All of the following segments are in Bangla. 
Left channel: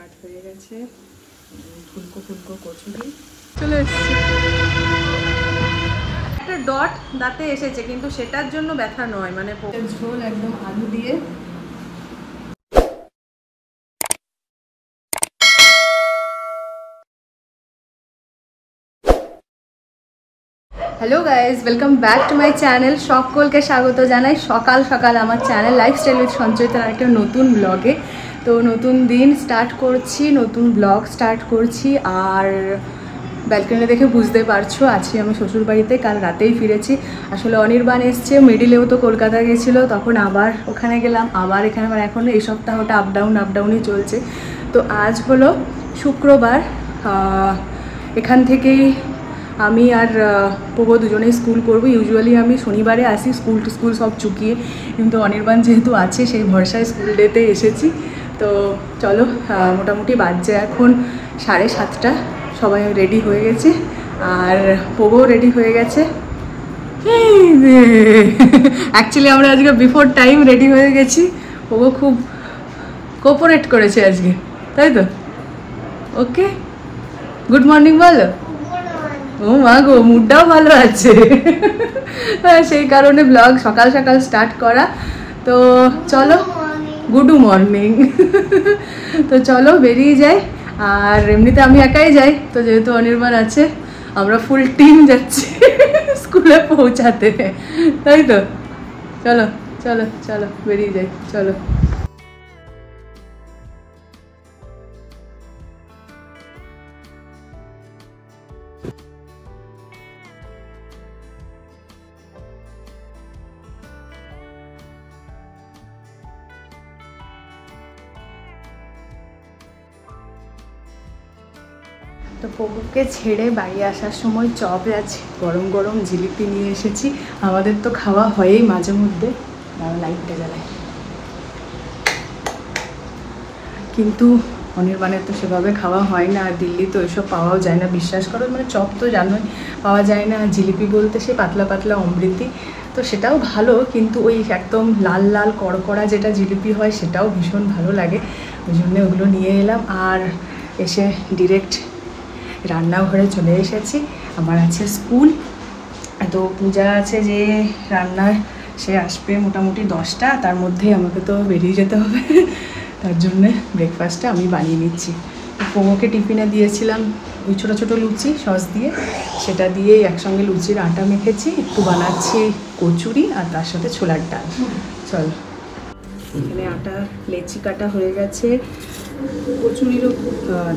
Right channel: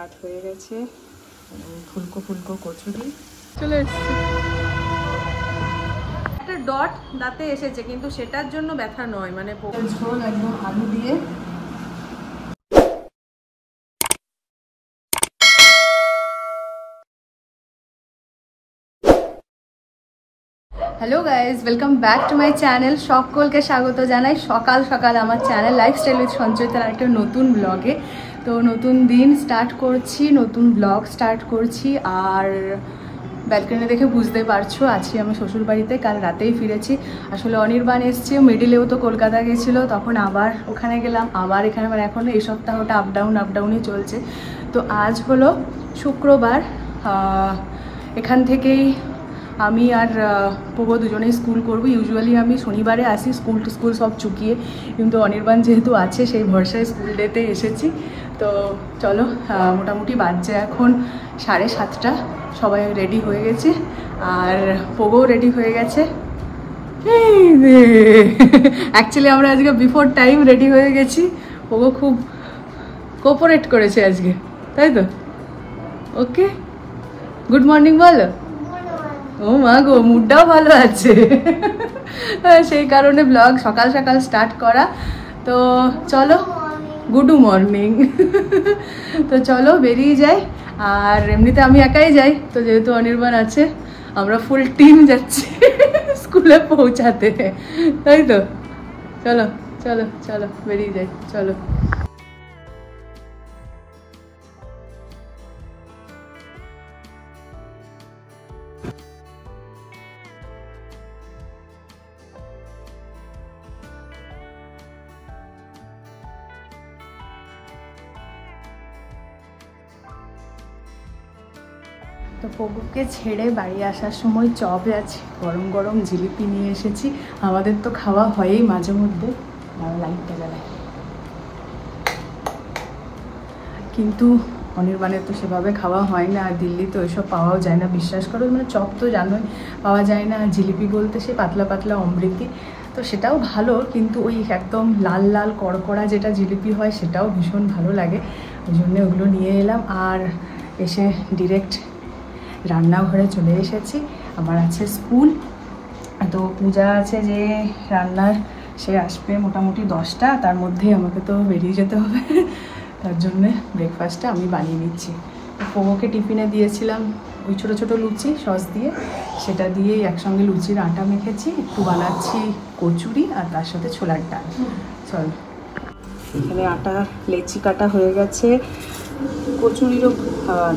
স্টার্ট হয়ে গেছে ফুলকো ফুলকো কচুরি। একটা ডট দাঁতে এসেছে কিন্তু সেটার জন্য ব্যথা নয়, মানে ঝোল একদম আলু দিয়ে। Hello guys, welcome back to my channel. সকলকে স্বাগত জানাই সকাল সকাল আমার চ্যানেল লাইফস্টাইল উইথ সঞ্চয়িতার একটা নতুন ব্লগে। তো নতুন দিন স্টার্ট করছি, নতুন ব্লগ স্টার্ট করছি। আর ব্যালকনি দেখে বুঝতে পারছো আজকে আমি শ্বশুরবাড়িতে, কাল রাতেই ফিরেছি। আসলে অনির্বাণ এসছে, মিডিলেও তো কলকাতা গেছিলো, তখন আবার ওখানে গেলাম, আবার এখানে, মানে এখন এই সপ্তাহটা আপডাউনই চলছে। তো আজ হলো শুক্রবার, এখান থেকেই আমি আর পবো দুজনেই স্কুল করবো। ইউজুয়ালি আমি শনিবারে আসি স্কুল সব চুকিয়ে, কিন্তু অনির্বাণ যেহেতু আছে সেই ভরসায় স্কুল ডেতে এসেছি। তো চলো, মোটামুটি বাজছে এখন 7:30, সবাই রেডি হয়ে গেছে আর পবো রেডি হয়ে গেছে। অ্যাকচুয়ালি আমরা আজকে বিফোর টাইম রেডি হয়ে গেছি, পবো খুব কোঅপারেট করেছে আজকে, তাই তো? ওকে, গুড মর্নিং বলো। ও মা গো, মুডটাও ভালো আছে, সেই কারণে ব্লগ সকাল সকাল স্টার্ট করা। তো চলো, গুড মর্নিং। তো চলো বেরিয়ে যাই। আর এমনিতে আমি একাই যাই, তো যেহেতু অনির্বাণ আছে আমরা ফুল টিম যাচ্ছি স্কুলে পৌঁছাতে, তাই তো? চলো চলো চলো বেরিয়ে যাই, চলো। তো পবুকে ছেড়ে বাড়ি আসার সময় চপ আছে, গরম গরম জিলিপি নিয়ে এসেছি। আমাদের তো খাওয়া হয়ই মাঝে মধ্যে, লাইটটা জ্বালাই, কিন্তু অনির্বাণের তো সেভাবে খাওয়া হয় না। আর দিল্লি তো ওইসব পাওয়াও যায় না, বিশ্বাস করো। মানে চপ তো জানোই পাওয়া যায় না, জিলিপি বলতে সে পাতলা পাতলা অমৃতি, তো সেটাও ভালো, কিন্তু ওই একদম লাল লাল কড়কড়া যেটা জিলিপি হয় সেটাও ভীষণ ভালো লাগে। ওই জন্য ওগুলো নিয়ে এলাম। আর এসে ডিরেক্ট রান্নাঘরে চলে এসেছি। আমার আছে স্কুল, তো পূজা আছে যে রান্নার, সে আসবে মোটামুটি 10টা, তার মধ্যে আমাকে তো বেরিয়ে যেতে হবে। তার জন্যে ব্রেকফাস্টটা আমি বানিয়ে নিচ্ছি। তো পবুকে টিফিনে দিয়েছিলাম ওই ছোটো ছোটো লুচি সস দিয়ে, সেটা দিয়ে একসঙ্গে লুচির আটা মেখেছি, একটু বানাচ্ছি কচুরি আর তার সাথে ছোলার ডাল। চল, এখানে আটা লেচি কাটা হয়ে গেছে, কচুরিরও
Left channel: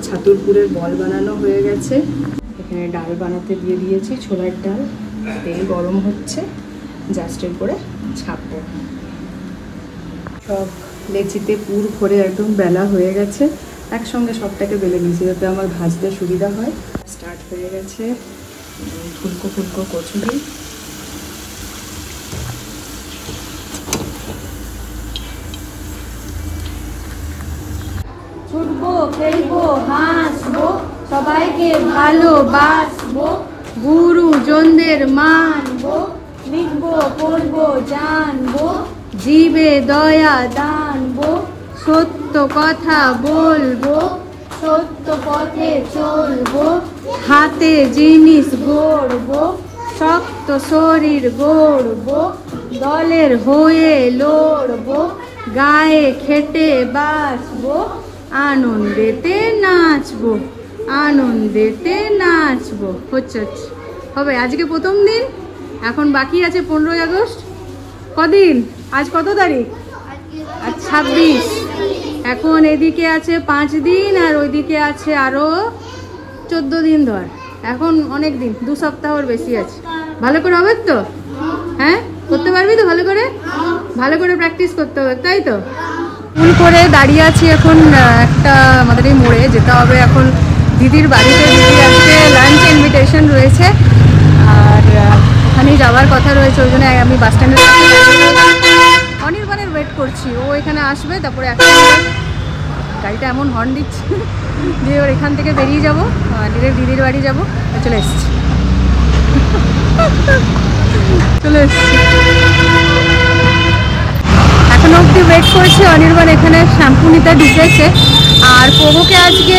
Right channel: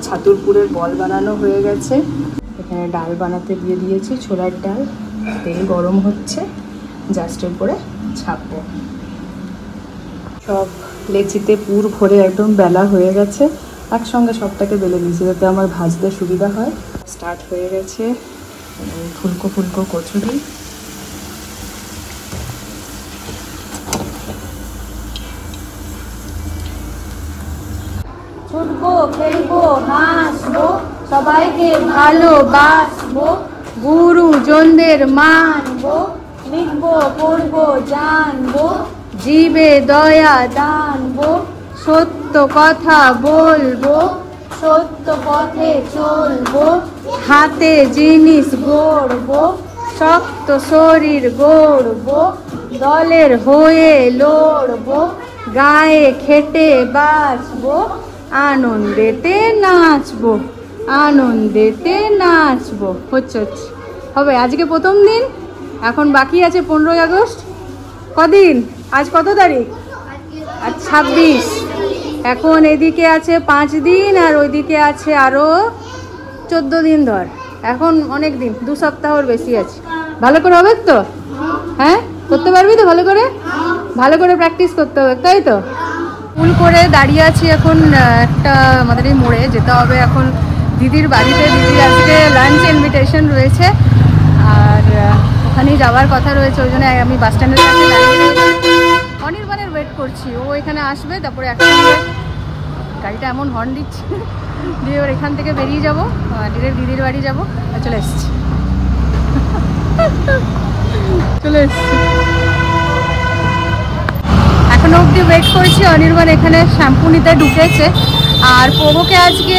ছাতুর পুরের বল বানানো হয়ে গেছে। এখানে ডাল বানাতে দিয়ে দিয়েছি, ছোলার ডাল। তেল গরম হচ্ছে, জাস্ট এরপরে ছাপবো। সব লেচিতে পুর ভরে একদম বেলা হয়ে গেছে, একসঙ্গে সবটাকে বেলে নিয়েছি যাতে আমার ভাজতে সুবিধা হয়। স্টার্ট হয়ে গেছে ফুলকো ফুলকো কচুরি। ছুটবো, খেলবো, হাসবো, সবাইকে ভালোবাসবো, গুরুজনদের মানবো, লিখবো, পড়বো, জানবো, জীবে দয়া দানবো, সত্য কথা বলবো, সত্য পথে চলবো, হাতে জিনিস গড়বো, শক্ত শরীর গড়বো, দলের হয়ে লড়বো, গায়ে খেটে বাঁচবো, আনন্দেতে নাচবো, আনন্দেতে নাচবো। হচ্ছে হবে। আজকে প্রথম দিন, এখন বাকি আছে 15ই আগস্ট। কদিন? আজ কত তারিখ? আজ 26। এখন এদিকে আছে 5 দিন আর ওইদিকে আছে আরো 14 দিন ধর। এখন অনেক দিন, 2 সপ্তাহর বেশি আছে। ভালো করে হবে তো? হ্যাঁ, করতে পারবি তো? ভালো করে প্র্যাকটিস করতে হবে, তাই তো? স্কুল করে দাঁড়িয়ে আছি এখন একটা আমাদের এই মোড়ে যেতে হবে এখন দিদির বাড়িতে। দিদি আজকে লাঞ্চ ইনভিটেশন রয়েছে আর ওখানেই যাওয়ার কথা রয়েছে, ওই জন্য আমি বাস স্ট্যান্ডের কাছে দাঁড়িয়ে রয়েছি। অনির্বাণের ওয়েট করছি, ও এখানে আসবে, তারপরে একসঙ্গে গাড়িটা এমন হর্ন দিচ্ছে যে ওর এখান থেকে বেরিয়ে যাবো, ডিরেক্ট দিদির বাড়ি যাবো। আর চলে এসছি, এখনো অব্দি ওয়েট করছি। অনির্বাণ এখানে শ্যাম্পু নিতে ঢুকেছে আর পোগোকে আজকে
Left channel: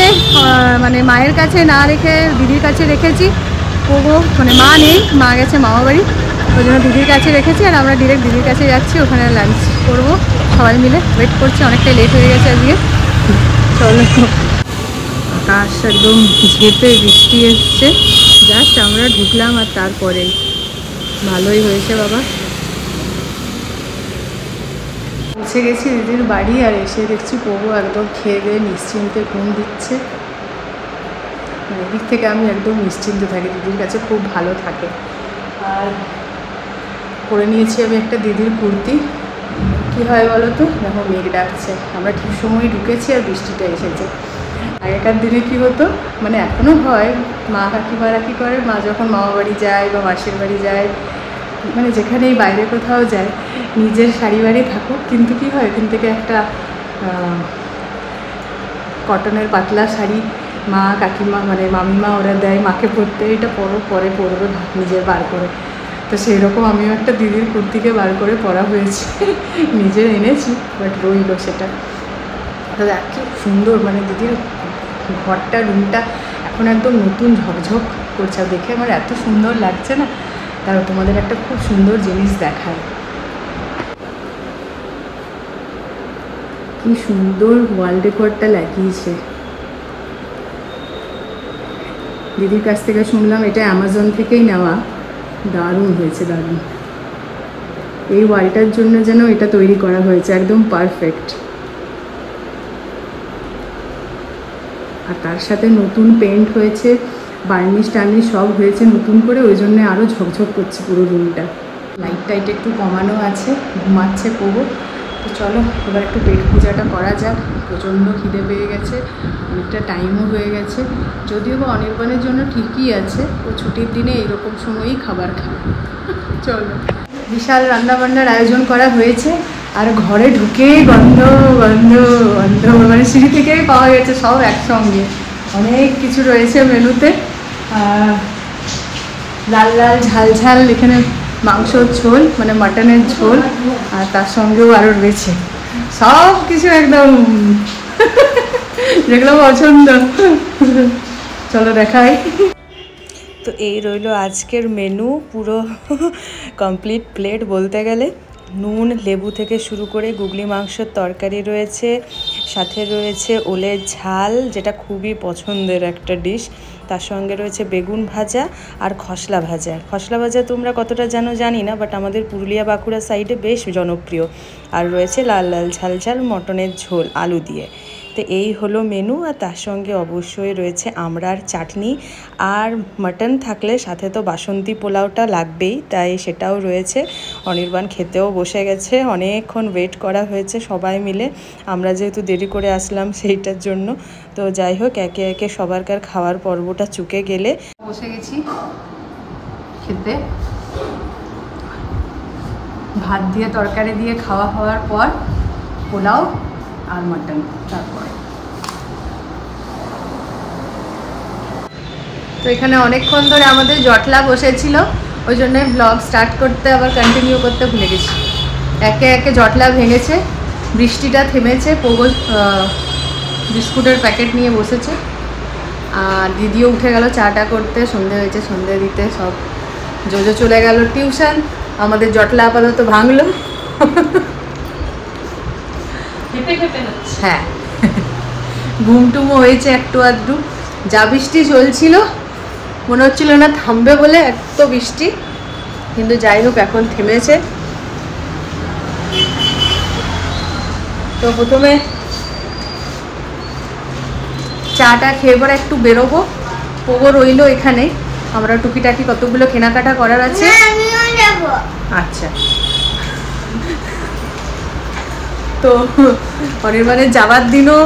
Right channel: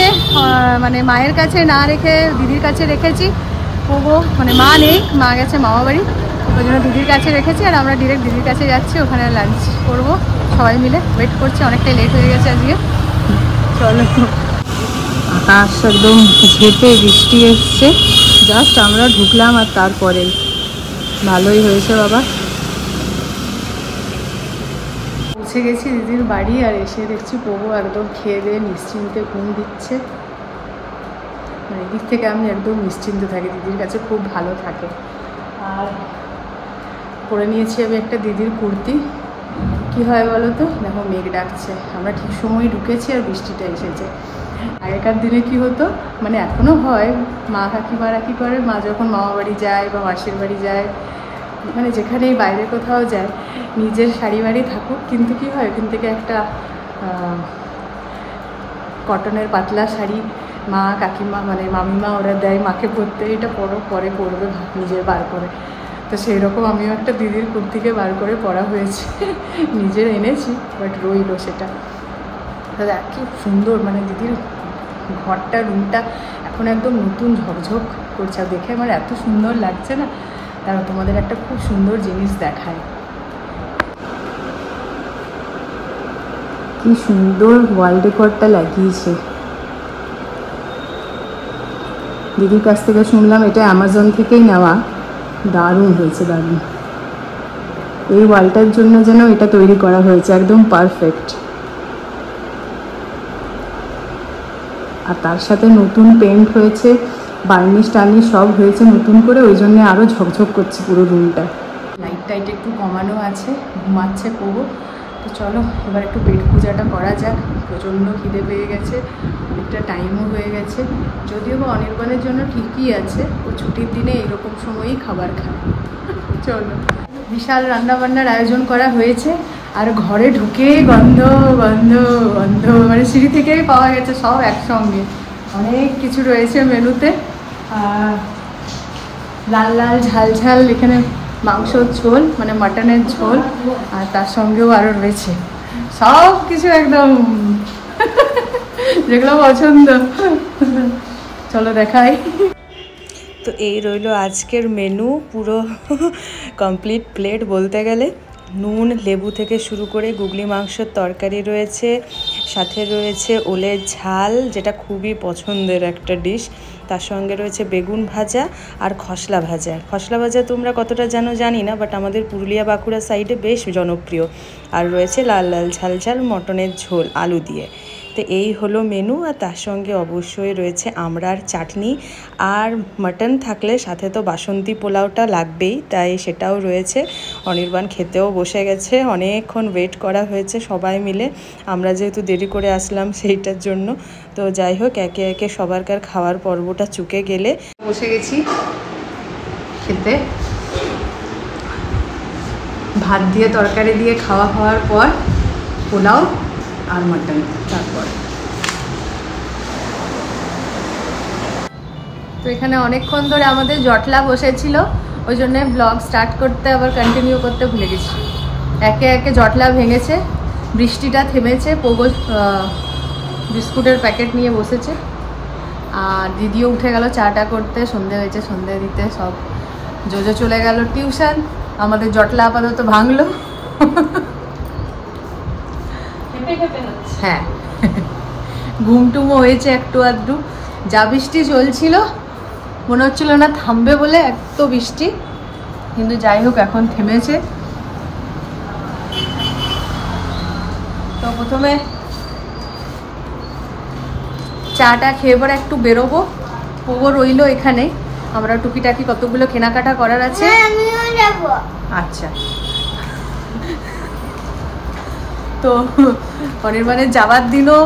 মানে মায়ের কাছে না রেখে দিদির কাছে রেখেছি। পোগো মানে মা নেই, মা গেছে মামা বাড়ি, ওই জন্য দিদির কাছে রেখেছি। আর আমরা ডিরেক্ট দিদির কাছে যাচ্ছি, ওখানে লাঞ্চ করবো সবাই মিলে। ওয়েট করছি, অনেকটাই লেট হয়ে গেছে আজকে। চলো, আকাশ একদম ঘেপে বৃষ্টি এসছে, জাস্ট আমরা ঢুকলাম আর তারপরেই। ভালোই হয়েছে বাবা। পৌঁছে গেছি দিদির বাড়ি, আর এসে দেখছি পোগো একদম খেয়ে দিয়ে নিশ্চিন্তে ঘুম দিচ্ছে। এদিক থেকে আমি একদম নিশ্চিন্ত থাকি, দিদির কাছে খুব ভালো থাকে। আর পরে নিয়েছি আমি একটা দিদির কুর্তি। কি হয় বলো তো, দেখো মেঘ ডাকছে, আমরা ঠিক সময় ঢুকেছি আর বৃষ্টিটা এসেছে। আগেকার দিনে কী হতো, মানে এখনও হয়, মা কাকিমারা কী করে, মা যখন মামা বাড়ি যায় বা মাসির বাড়ি যায়, মানে যেখানেই বাইরে কোথাও যায়, নিজের শাড়ি বাড়ি থাকুক, কিন্তু কী হয়, এখান থেকে একটা কটনের পাতলা শাড়ি মা কাকিমা মানে মামিমা ওরা দেয় মাকে পরতে, এটা পরে পরবে নিজের বার করে। তো সেই রকম আমিও একটা দিদির কুর্তিকে বার করে পরা হয়েছে, নিজের এনেছি, বাট রইল সেটা। দাদা কি সুন্দর, মানে দিদির ঘরটা, রুমটা এখন একদম নতুন ঝকঝক করছে, দেখে আমার এত সুন্দর লাগছে না। তারও তোমাদের একটা খুব সুন্দর জিনিস দেখায়, কি সুন্দর ওয়াল ডেকোরটা লাগিয়েছে। দিদির কাছ থেকে শুনলাম এটা অ্যামাজন থেকেই নেওয়া, দারুণ হয়েছে, দারুণ। এই ওয়ালটার জন্য যেন এটা তৈরি করা হয়েছে, একদম পারফেক্ট। আর তার সাথে নতুন পেন্ট হয়েছে, বার্নিশ টার্নিশ সব হয়েছে নতুন করে, ওই জন্য আরও ঝকঝক করছে পুরো রুমটা। লাইট টাইট একটু কমানো আছে, ঘুমাচ্ছে পোগো। তো চলো এবার একটু পেট পূজাটা করা যাক, প্রচণ্ড খিদে পেয়ে গেছে, অনেকটা টাইমও হয়ে গেছে। যদিও বা অনির্বাণের জন্য ঠিকই আছে, ও ছুটির দিনে এরকম সময়ই খাবার খাবে। চলো, বিশাল রান্নাবান্নার আয়োজন করা হয়েছে, আর ঘরে ঢুকেই গন্ধ গন্ধ গন্ধ, মানে সিঁড়ি থেকেই পাওয়া গেছে সব একসঙ্গে। অনেক কিছু রয়েছে মেনুতে, লাল লাল ঝাল ঝাল এখানে মাংসর ঝোল, মানে মাটনের ঝোল, আর তার সঙ্গেও আরও রয়েছে সব কিছু একদম যেগুলো পছন্দ। চলো দেখাই। তো এই রইল আজকের মেনু, পুরো কমপ্লিট প্লেট বলতে গেলে। নুন লেবু থেকে শুরু করে গুগলি মাংসের তরকারি রয়েছে, সাথে রয়েছে ওলের ঝাল, যেটা খুবই পছন্দের একটা ডিশ। তার সঙ্গে রয়েছে বেগুন ভাজা আর খসলা ভাজা। খসলা ভাজা তোমরা কতটা জানো জানি না, বাট আমাদের পুরুলিয়া বাঁকুড়া সাইডে বেশ জনপ্রিয়। আর রয়েছে লাল লাল ঝাল ঝাল মটনের ঝোল আলু দিয়ে। তো এই হলো মেনু, আর তার সঙ্গে অবশ্যই রয়েছে আমড়ার চাটনি, আর মাটন থাকলে সাথে তো বাসন্তী পোলাওটা লাগবেই, তাই সেটাও রয়েছে। অনির্বাণ খেতেও বসে গেছে, অনেকক্ষণ ওয়েট করা হয়েছে সবাই মিলে, আমরা যেহেতু দেরি করে আসলাম সেইটার জন্য। তো যাই হোক, একে একে সবারকার খাওয়ার পর্বটা চুকে গেলে বসে গেছি খেতে। ভাত দিয়ে তরকারি দিয়ে খাওয়া হওয়ার পর পোলাও আর মাটন, তারপর তো এখানে অনেকক্ষণ ধরে আমাদের জটলা বসেছিল, ওই জন্য ব্লগ স্টার্ট করতে আবার কন্টিনিউ করতে ভুলে গেছি। একে একে জটলা ভেঙেছে, বৃষ্টিটা থেমেছে, পোগো বিস্কুটের প্যাকেট নিয়ে বসেছে, আর দিদিও উঠে গেল চাটা করতে, সন্ধে হয়েছে সন্ধে দিতে, সব জোজো চলে গেল টিউশন। আমাদের জটলা আপাতত ভাঙলো। হ্যাঁ, ঘুমটুমো হয়েছে একটু আধটু। যা বৃষ্টি চলছিল মনে হচ্ছিল না থামবে বলে, এত বৃষ্টি, কিন্তু যাই হোক এখন থেমেছে। তো প্রথমে চাটা খেয়ে পরে একটু বেরোবো, পোগো রইলো এখানে, আমরা টুকিটাকি কতগুলো কেনাকাটা করার আছে। আচ্ছা, তো অনির্বাণের যাওয়ার দিনও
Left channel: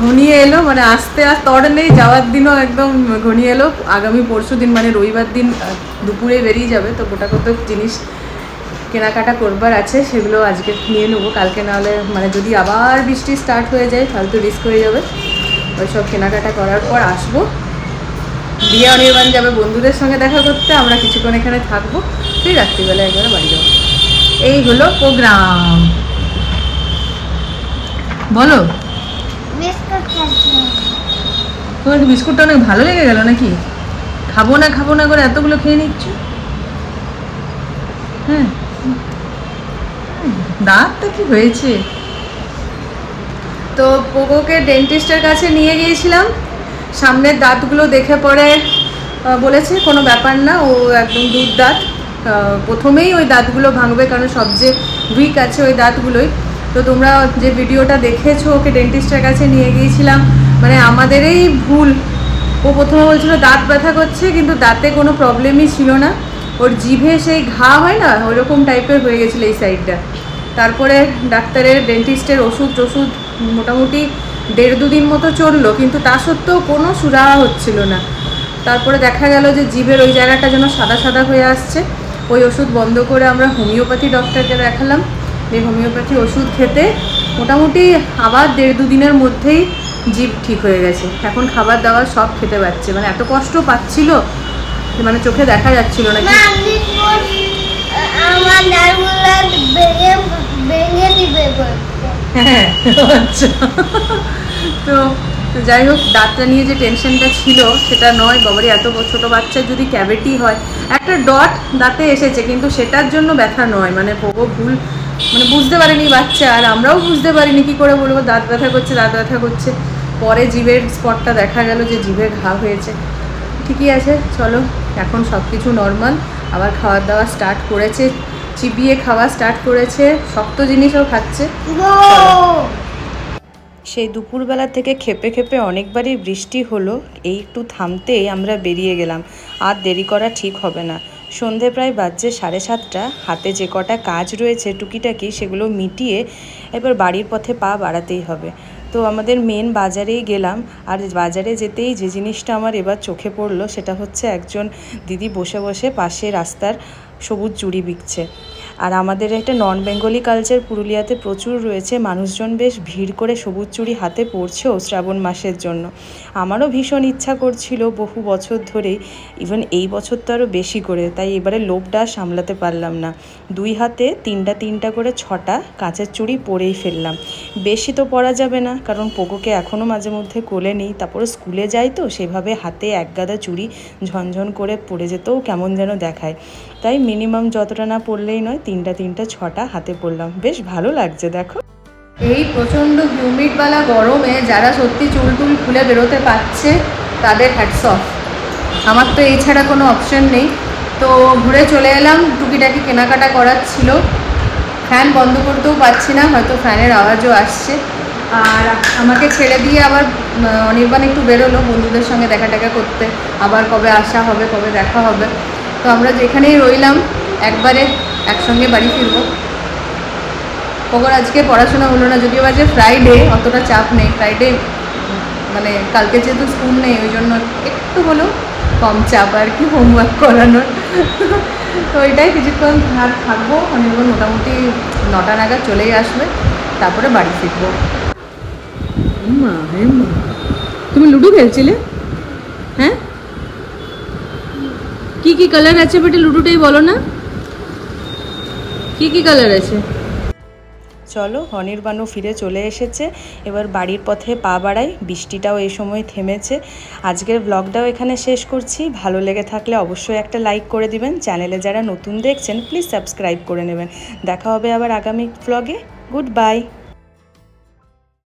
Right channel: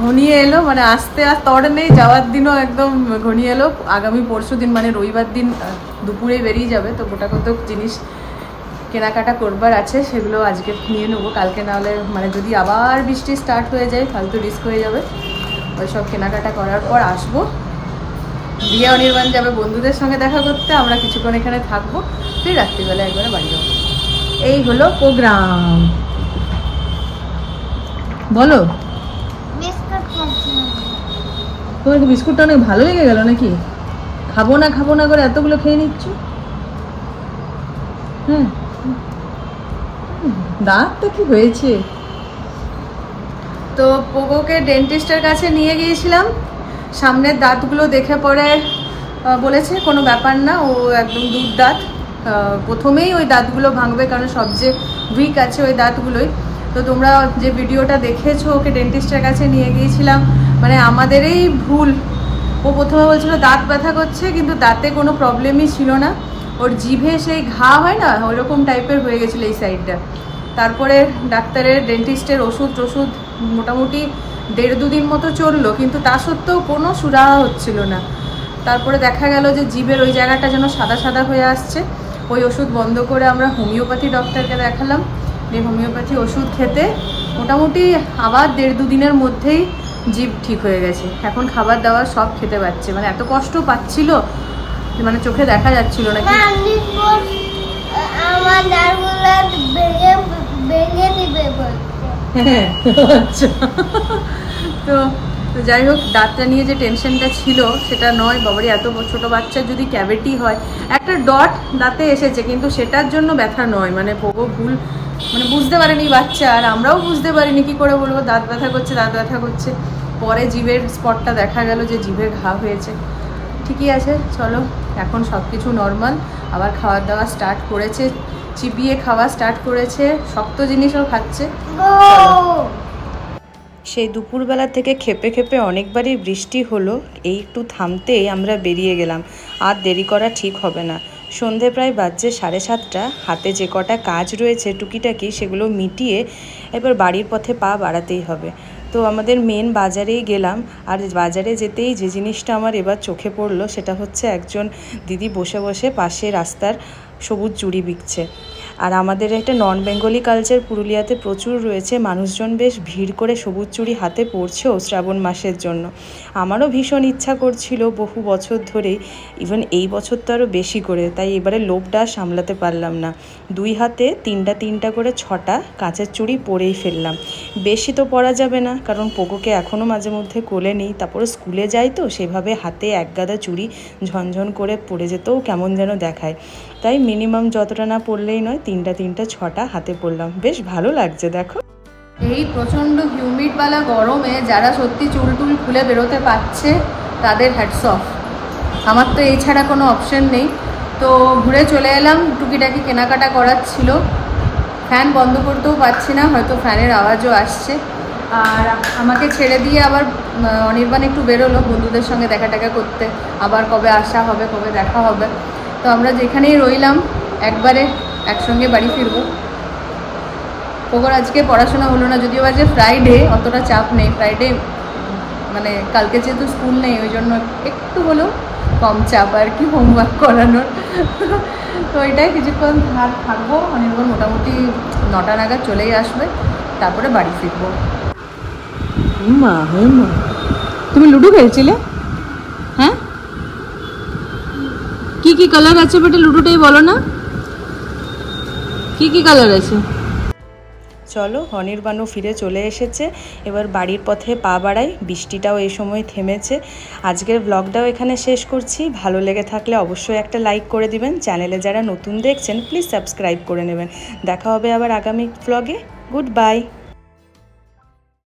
ঘনিয়ে এলো, মানে আসতে আর তর নেই, যাওয়ার দিনও একদম ঘনিয়ে এলো। আগামী পরশু দিন মানে রবিবার দিন দুপুরে বেরিয়ে যাবে, তো গোটা কত জিনিস কেনাকাটা করবার আছে, সেগুলো আজকে নিয়ে নেবো, কালকে নাহলে মানে যদি আবার বৃষ্টি স্টার্ট হয়ে যায় তাহলে তো রিস্ক হয়ে যাবে। ওইসব কেনাকাটা করার পর আসবো, দিয়ে অনির্বাণ যাবে বন্ধুদের সঙ্গে দেখা করতে, আমরা কিছুক্ষণ এখানে থাকবো, সেই রাত্রিবেলা একবারে বাড়ি যাবো। এই হলো প্রোগ্রাম। বলো। তোমার বিস্কুটটা অনেক ভালো লেগে গেল নাকি? খাবো না করে এতগুলো খেয়ে নিচ্ছ। হ্যাঁ, দাঁতটা কি হয়েছে? তো পোগোকে ডেন্টিস্টের কাছে নিয়ে গিয়েছিলাম। সামনের দাঁতগুলো দেখে পরে বলেছে কোনো ব্যাপার না, ও একদম দুধ দাঁত। প্রথমেই ওই দাঁতগুলো ভাঙবে, কারণ সবচেয়ে উইক আছে ওই দাঁতগুলোই। তো তোমরা যে ভিডিওটা দেখেছো, ওকে ডেন্টিস্টের কাছে নিয়ে গিয়েছিলাম, মানে আমাদেরই ভুল। ও প্রথমে বলছিল দাঁত ব্যথা করছে, কিন্তু দাঁতে কোনো প্রবলেমই ছিল না। ওর জিভে সেই ঘা হয় না, ওইরকম টাইপের হয়ে গেছিলো এই সাইডটা। তারপরে ডাক্তারের ডেন্টিস্টের ওষুধ মোটামুটি 1.5-2 দিন মতো চললো, কিন্তু তা সত্ত্বেও কোনো সুরাহা হচ্ছিল না। তারপরে দেখা গেল যে জিভের ওই জায়গাটা যেন সাদা সাদা হয়ে আসছে। ওই ওষুধ বন্ধ করে আমরা হোমিওপ্যাথি ডক্টরকে দেখালাম। এই হোমিওপ্যাথি ওষুধ খেতে মোটামুটি আবার 1.5-2 দিনের মধ্যেই জিভ ঠিক হয়ে গেছে। এখন খাবার দাবার সব খেতে পাচ্ছে, মানে এত কষ্ট পাচ্ছিল, মানে চোখে দেখা যাচ্ছিল না। তো যাই হোক, দাঁতটা নিয়ে যে টেনশনটা ছিল সেটা নয়। বাবারই এত ছোট বাচ্চার যদি ক্যাভিটি হয়, একটা ডট দাঁতে এসেছে, কিন্তু সেটার জন্য ব্যথা নয়। মানে পোগো ভুল মানে বুঝতে পারেনি বাচ্চা, আর আমরাও বুঝতে পারিনি কি করে বলবো দাঁত ব্যথা করছে। পরে জিভের স্পটটা দেখা গেল যে জিভে ঘা হয়েছে। ঠিকই আছে, চলো এখন সব কিছু নর্মাল। আবার খাওয়ার দাওয়া স্টার্ট করেছে, চিবিয়ে খাওয়া স্টার্ট করেছে, শক্ত জিনিসও খাচ্ছে। সেই দুপুরবেলা থেকে খেপে খেপে অনেকবারই বৃষ্টি হলো, এই একটু থামতেই আমরা বেরিয়ে গেলাম। আর দেরি করা ঠিক হবে না। সন্ধে প্রায় বাজছে 7:30। হাতে যে কটা কাজ রয়েছে টুকিটাকি সেগুলো মিটিয়ে এবার বাড়ির পথে পা বাড়াতেই হবে। তো আমাদের মেন বাজারেই গেলাম। আর বাজারে যেতেই যে জিনিসটা আমার এবার চোখে পড়লো সেটা হচ্ছে একজন দিদি বসে বসে পাশে রাস্তার সবুজ চুড়ি বিকছে। আর আমাদের একটা নন বেঙ্গলি কালচার পুরুলিয়াতে প্রচুর রয়েছে, মানুষজন বেশ ভিড় করে সবুজ চুড়ি হাতে পরছেও শ্রাবণ মাসের জন্য। আমারও ভীষণ ইচ্ছা করছিল বহু বছর ধরেই, ইভেন এই বছর তো আরও বেশি করে, তাই এবারে লোভটা সামলাতে পারলাম না। 2 হাতে 3টা করে 6টা কাঁচের চুড়ি পরেই ফেললাম। বেশি তো পরা যাবে না, কারণ পোগোকে এখনও মাঝে মধ্যে কোলে নিই, তারপরে স্কুলে যাই, তো সেভাবে হাতে এক গাদা চুড়ি ঝনঝন করে পরে যেতেও কেমন যেন দেখায়। তাই মিনিমাম যতটা না পরলেই নয়, 3টা 6টা হাতে পরলাম। বেশ ভালো লাগছে দেখো। এই প্রচণ্ড হিউমিডওয়ালা গরমে যারা সত্যি চুল টুল খুলে বেরোতে পারছে তাদের হ্যাটস অফ। আমার তো এই ছাড়া কোনো অপশন নেই। তো ঘুরে চলে এলাম, টুকিটাকি কেনাকাটা করার ছিল। ফ্যান বন্ধ করতেও পারছি না, হয়তো ফ্যানের আওয়াজও আসছে। আর আমাকে ছেড়ে দিয়ে আবার অনির্বাণ একটু বেরোলো বন্ধুদের সঙ্গে দেখা করতে। আবার কবে আসা হবে, কবে দেখা হবে। তো আমরা যেখানেই রইলাম একবারে একসঙ্গে বাড়ি ফিরবো। ওর আজকে পড়াশোনা হলো না, যদিও আজকে ফ্রাইডে, অতটা চাপ নেই। ফ্রাইডে মানে কালকে যেহেতু স্কুল নেই, ওই জন্য একটু হলেও কম চাপ আর কি হোমওয়ার্ক করানোর। তো ওইটাই কিছুক্ষণ থাকবো। অনির্বাণ মোটামুটি 9টা নাগাদ চলেই আসবে, তারপরে বাড়ি ফিরবো। মা তুমি লুডো খেলছিলে? হ্যাঁ, কি কালার আছে বেটা? লুডোটাই বলো না, কি কালার আছে? চলো, অনির্বাণও ফিরে চলে এসেছে। এবার বাড়ির পথে পা বাড়াই। বৃষ্টিটাও এই সময় থেমেছে। আজকের ব্লগটাও এখানে শেষ করছি। ভালো লেগে থাকলে অবশ্যই একটা লাইক করে দিবেন। চ্যানেলে যারা নতুন দেখছেন প্লিজ সাবস্ক্রাইব করে নেবেন। দেখা হবে আবার আগামী ব্লগে। Good bye.